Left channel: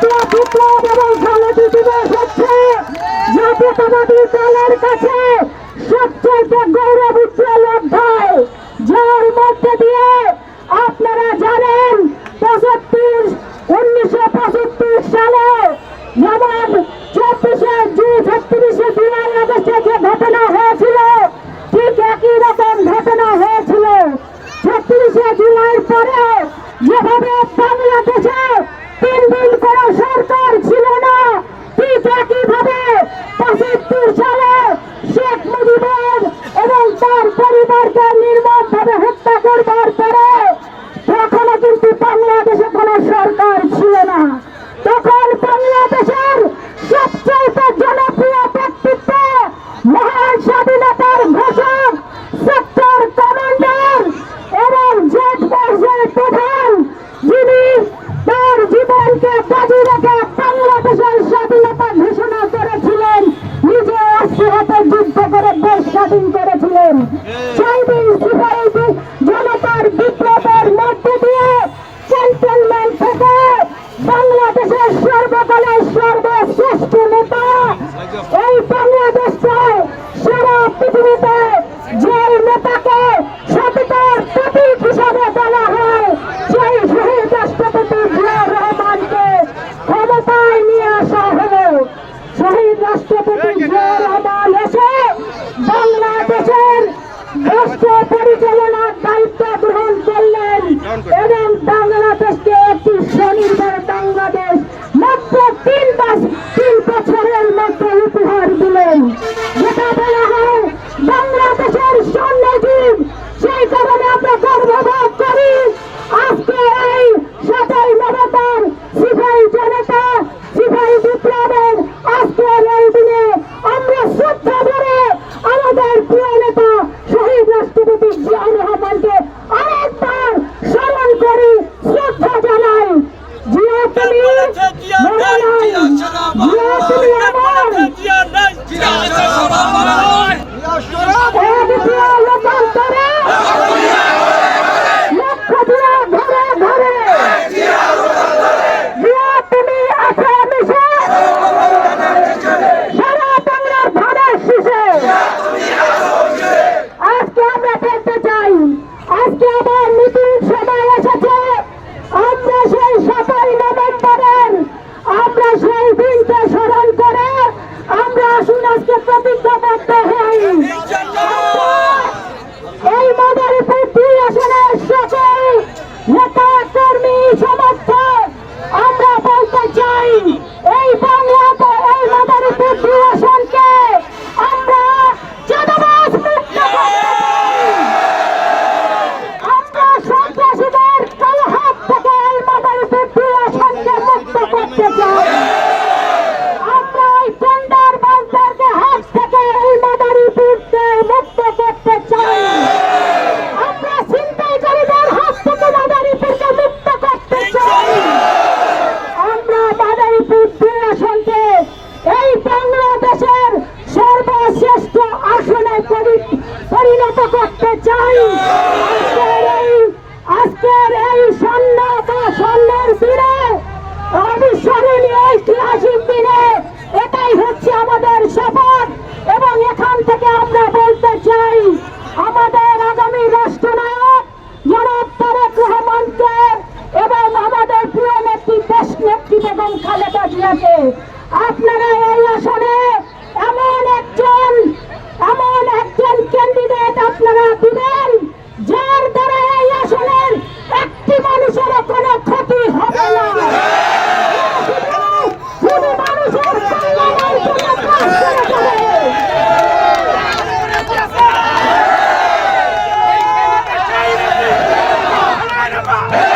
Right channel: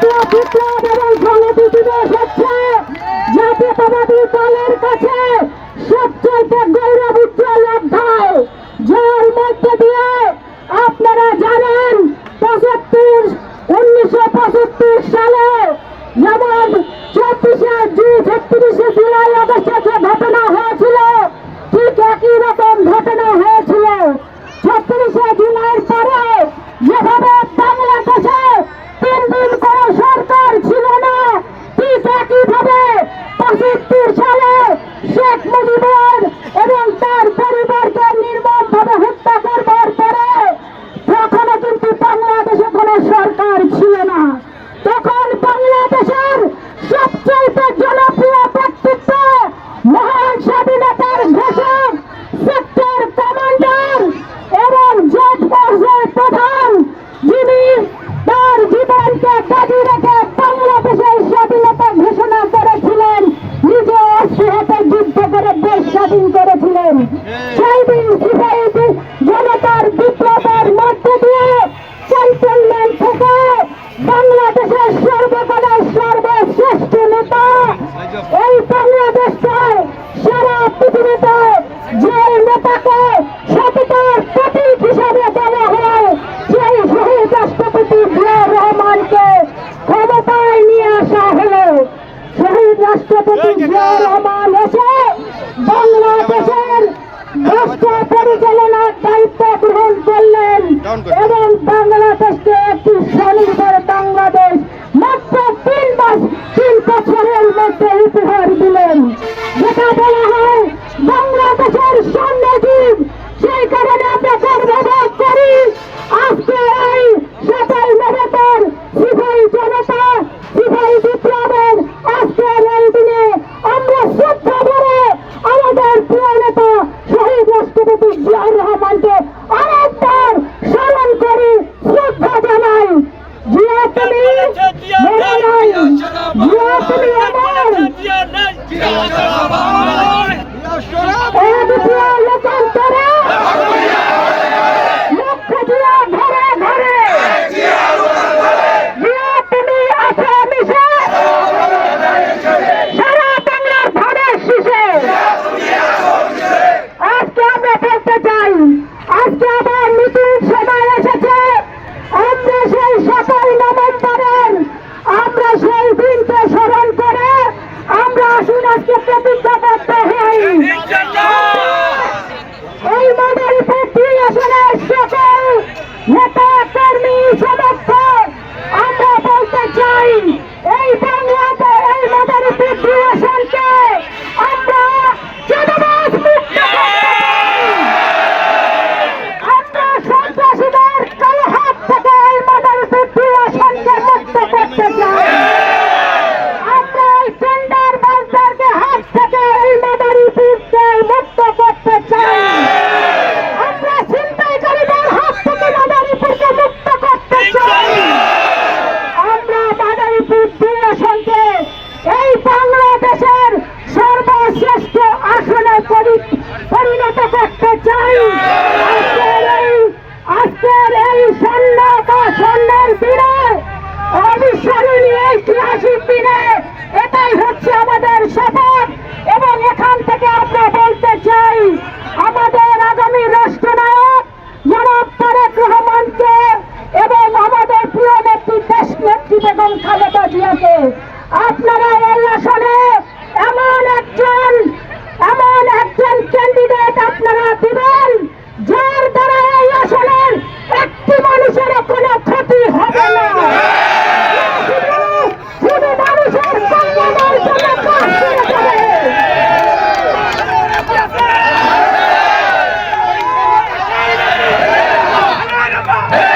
জাতীয় বিপ্লব এবং সংহতি দিবস হচ্ছে কাছে সবচেয়ে গৌরব উজ্জ্বল যার মধ্যে দিয়ে আপনারা জানেন পঁচাত্তর উনিশশো পঁচাত্তর সালে যেমন চব্বিশে জুন ছত্রিশে জুলাই অগস্টে যে বাংলাদেশের সর্বকালের সর্বশ্রেষ্ঠ নেতা। এই বাংলাদেশ সারা পৃথিবীতে যে নেতাকে সততার প্রতীক হিসাবে বলা হয়, সেই শহীদ রাষ্ট্রপতি জিয়া রহমানকে ক্ষমতায় নিয়ে আসা হলো। শহীদ রাষ্ট্রপতি জিয়া রহমান এসে বাংলাদেশের রাষ্ট্র পরিচালনা বছরের মধ্যে উপহার দিলেন। এই মাদারীপুর দুই আসনে সকল নেতা 아.